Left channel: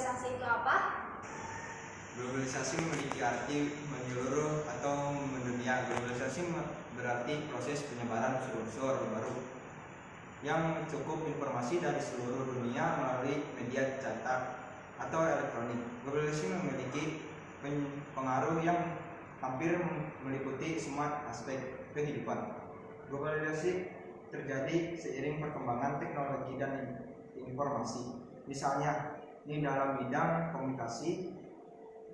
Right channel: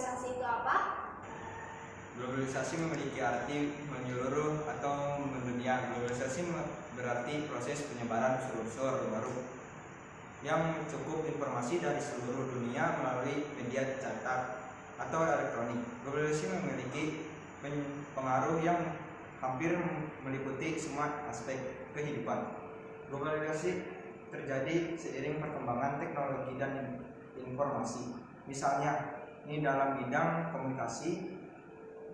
globalisasi itu apa? Globalisasi memiliki arti menyeluruh atau mendunia. Globalisasi berarti proses penyebaran unsur-unsur baru yang mencakup informasi dari seluruh dunia melalui media cetak atau elektronik. Globalisasi memiliki pengaruh yang hampir meliputi semua aspek kehidupan. Globalisasi terjadi seiring perkembangan teknologi dan informasi. Misalnya, ini dalam bidang komunikasi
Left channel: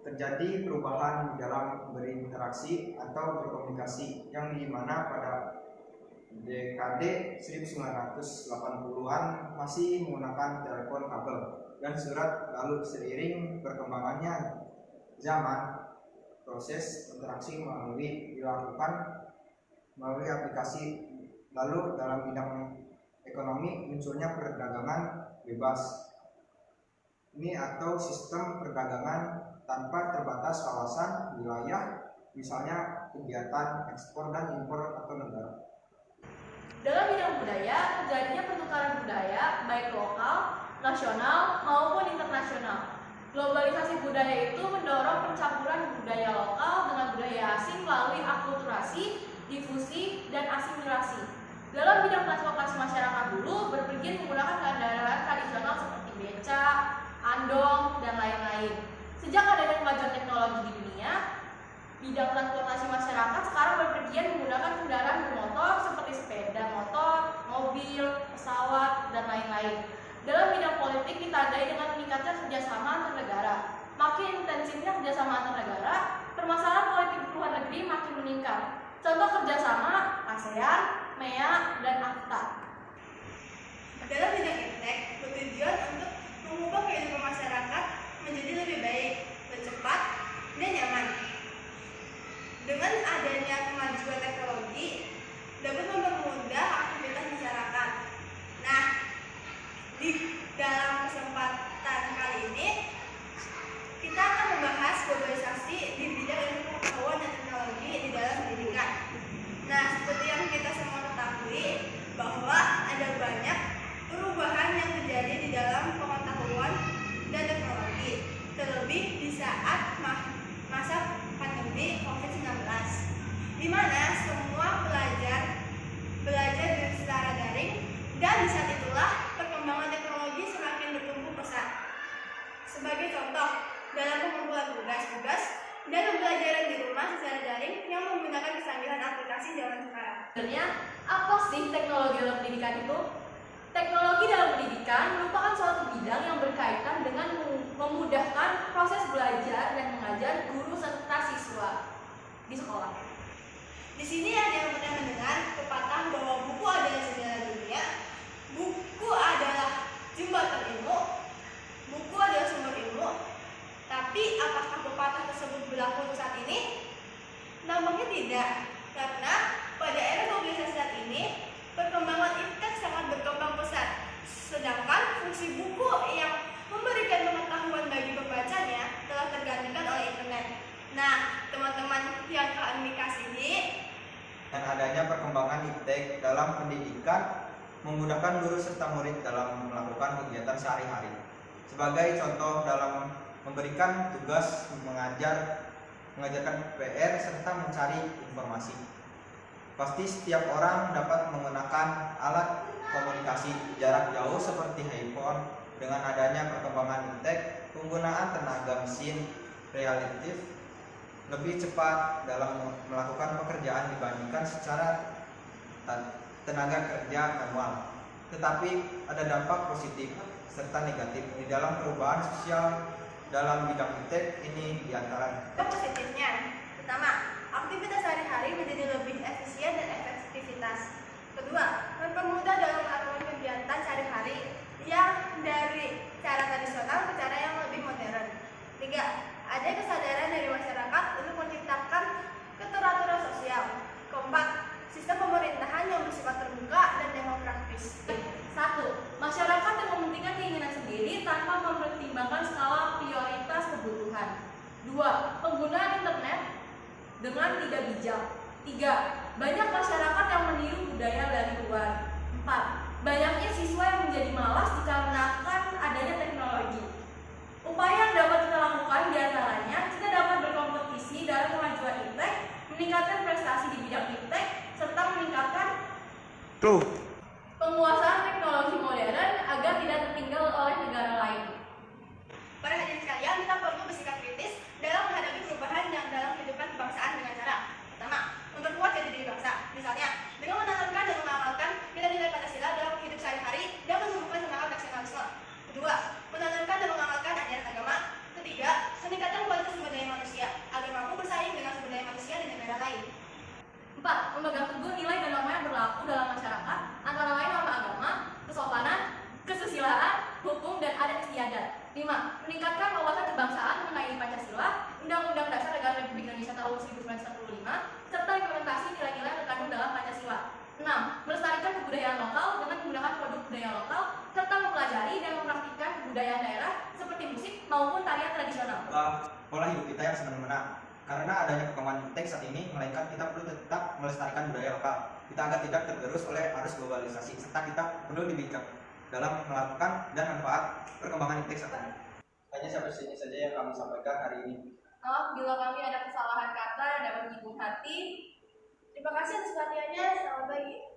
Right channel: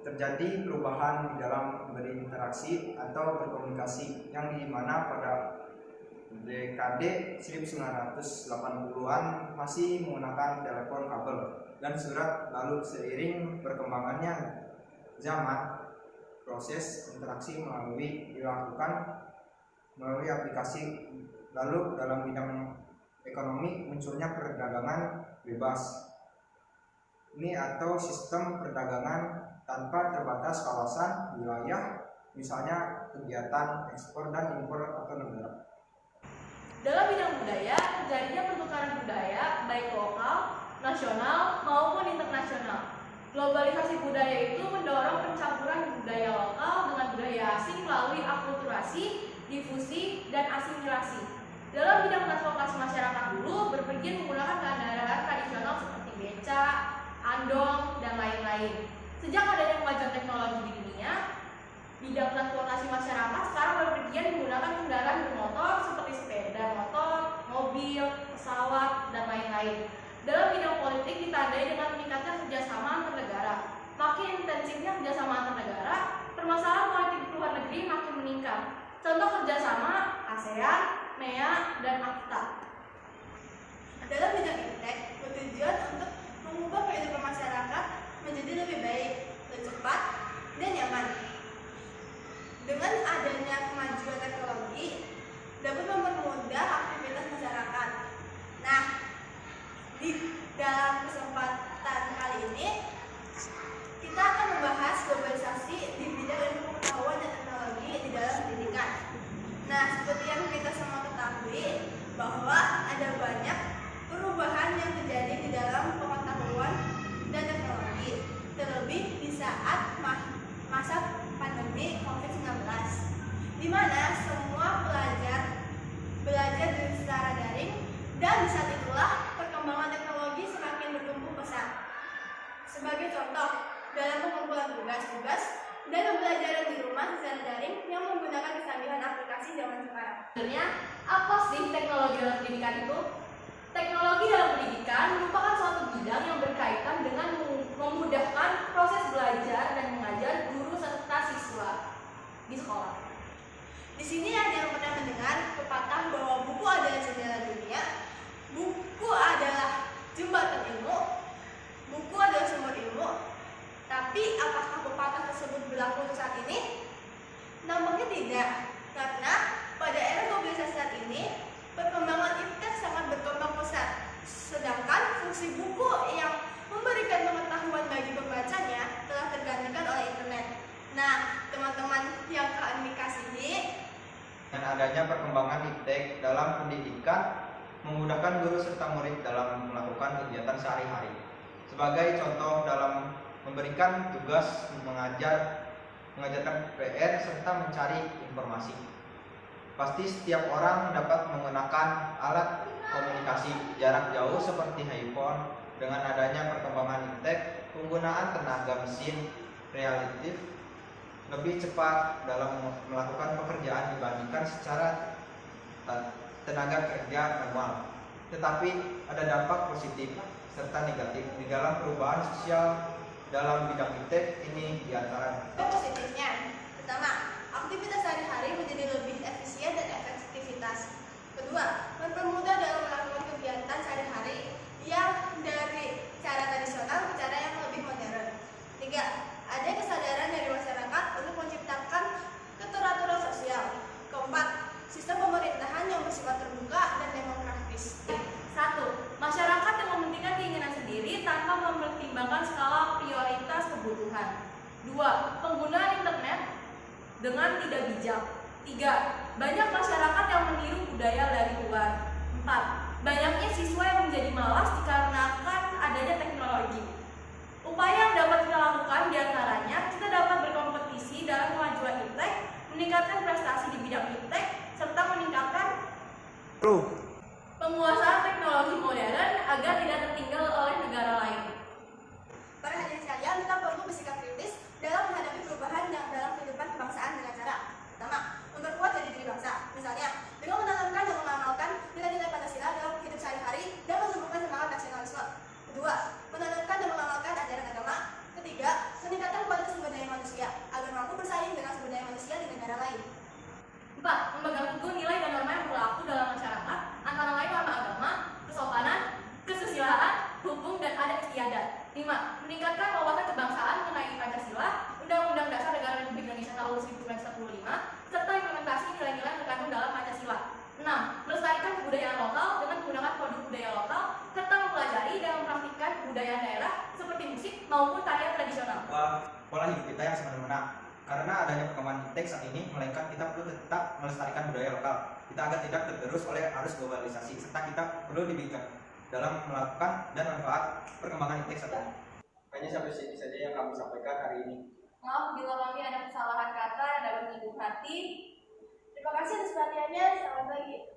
terjadi perubahan di dalam berinteraksi atau berkomunikasi yang dimana pada dekade 1980-an masih menggunakan telepon kabel dan surat. Lalu seiring perkembangannya zaman, proses interaksi dilakukan melalui aplikasi. Lalu dalam bidang ekonomi munculnya perdagangan bebas ini atau sistem perdagangan tanpa terbatas kawasan wilayah, misalnya kegiatan ekspor dan impor atau negara. Dalam bidang budaya, terjadinya pertukaran budaya baik lokal, nasional, maupun internasional. Globalisasi budaya itu mendorong pencampuran budaya lokal dengan budaya asing melalui akulturasi, difusi, dan asimilasi. Dalam bidang transportasi masyarakat dulu berpergian menggunakan kendaraan tradisional seperti beca, andong, dan lain-lain. Sejak adanya kemajuan teknologi di dunia, bidang transportasi masyarakat sekarang berpergian menggunakan kendaraan bermotor seperti sepeda motor, mobil, pesawat, dan lain-lain. Dalam bidang politik ditandai dengan meningkatnya kerjasama antar negara. Makin intensifnya kerjasama antar negara, permasalahan politik di luar negeri makin meningkat. Contoh kerjasama ASEAN, MEA, dan AFTA. Dalam bidang iptek bertujuan untuk mengubah kehidupan masyarakat menjadi lebih baik, lebih cepat, dan nyaman. Dengan adanya kemajuan teknologi dapat mempermudah aktivitas masyarakat. Nah, di dalam kesempatan kali ini kita akan membahas globalisasi di bidang ilmu pengetahuan dan teknologi di dalam pendidikan. Nah, seperti yang kita semua ketahui bahwa ada banyak perubahan yang terjadi di dalam pengetahuan dan teknologi, terlebih di saat masa pandemi COVID-19, di mana semua belajar secara daring, dan di saat itulah perkembangan teknologi semakin bertumbuh pesat. Sebagai contoh, dalam pengumpulan tugas-tugas dan pembelajaran di rumah secara daring yang menggunakan kesanggihan aplikasi zaman sekarang. Sebenarnya, apa sih teknologi dalam pendidikan itu? Teknologi dalam pendidikan merupakan suatu bidang yang berkaitan dengan memudahkan proses belajar dan mengajar guru serta siswa di sekolah. Di sini ada yang pernah mendengar pepatah bahwa buku adalah jendela dunia, buku adalah jembatan ilmu, buku adalah sumber ilmu. Tapi apakah pepatah tersebut berlaku untuk saat ini? Nampaknya tidak, karena pada era globalisasi saat ini perkembangan iptek sangat berkembang pesat, sedangkan fungsi buku yang memberikan pengetahuan bagi pembacanya telah tergantikan oleh internet. Nah, teman-teman yang kami kasihi, Dan adanya perkembangan iptek dalam pendidikan memudahkan guru serta murid dalam melakukan kegiatan sehari-hari. Sebagai contoh dalam memberikan tugas mengajarkan PR serta mencari informasi. Pasti setiap orang dapat menggunakan alat komunikasi jarak jauh seperti handphone. Dengan adanya perkembangan iptek, penggunaan tenaga mesin relatif lebih cepat dalam melakukan pekerjaan dibandingkan secara tenaga kerja manual. Tetapi ada dampak positif serta negatif di dalam perubahan sosial dalam bidang iptek ini diantara. positifnya, pertama, aktivitas sehari-hari menjadi lebih efisien dan efektivitas. Kedua, mempermudah dalam melakukan kegiatan sehari-hari yang dari cara tradisional ke cara yang lebih modern. Tiga, ada kesadaran dari masyarakat untuk menciptakan keteraturan sosial. Keempat, sistem pemerintahan yang bersifat terbuka dan demokratis. 1. Masyarakat yang mementingkan keinginan sendiri tanpa mempertimbangkan skala prioritas kebutuhan. 2. Penggunaan internet dengan tidak bijak. 3. Banyak masyarakat yang meniru budaya dari luar. 4. Banyaknya siswa yang menjadi malas dikarenakan adanya teknologi. meningkatkan prestasi di bidang iptek, serta meningkatkan Tuh. penguasaan teknologi modern agar tidak tertinggal oleh negara lain. Para hadirin sekalian, kita perlu bersikap kritis dalam menghadapi perubahan yang dalam kehidupan kebangsaan dengan cara pertama, memperkuat jati diri bangsa. Misalnya, dengan menanamkan dan mengamalkan nilai-nilai Pancasila dalam hidup sehari-hari dan menumbuhkan semangat nasionalisme. Kedua, menanamkan dan mengamalkan ajaran agama. Ketiga, meningkatkan kualitas sumber daya manusia agar mampu bersaing dengan sumber daya manusia di negara lain. 4. Memegang teguh nilai dan norma yang berlaku dalam masyarakat, antara lain norma agama, kesopanan, kesusilaan, hukum, dan adat istiadat. 5. Meningkatkan wawasan kebangsaan mengenai Pancasila, Undang-Undang Dasar Negara Republik Indonesia tahun 1945, serta implementasi nilai-nilai yang terkandung dalam Pancasila. 6. Melestarikan kebudayaan lokal dengan menggunakan produk budaya lokal, serta mempelajari dan mempraktikkan kebudayaan daerah seperti musik maupun tarian tradisional. Pola hidup kita yang semena-mena. Karena adanya perkembangan iptek saat ini, melainkan kita perlu tetap melestarikan budaya lokal kita agar tidak tergerus oleh arus globalisasi, serta kita perlu dibingkai dalam melakukan dan manfaat perkembangan iptek saat ini. Hanya sampai sini saja yang kami sampaikan hari ini. Maaf bila kami ada kesalahan kata yang dapat menyinggung hati. Terima kasih atas perhatiannya. Selamat pagi.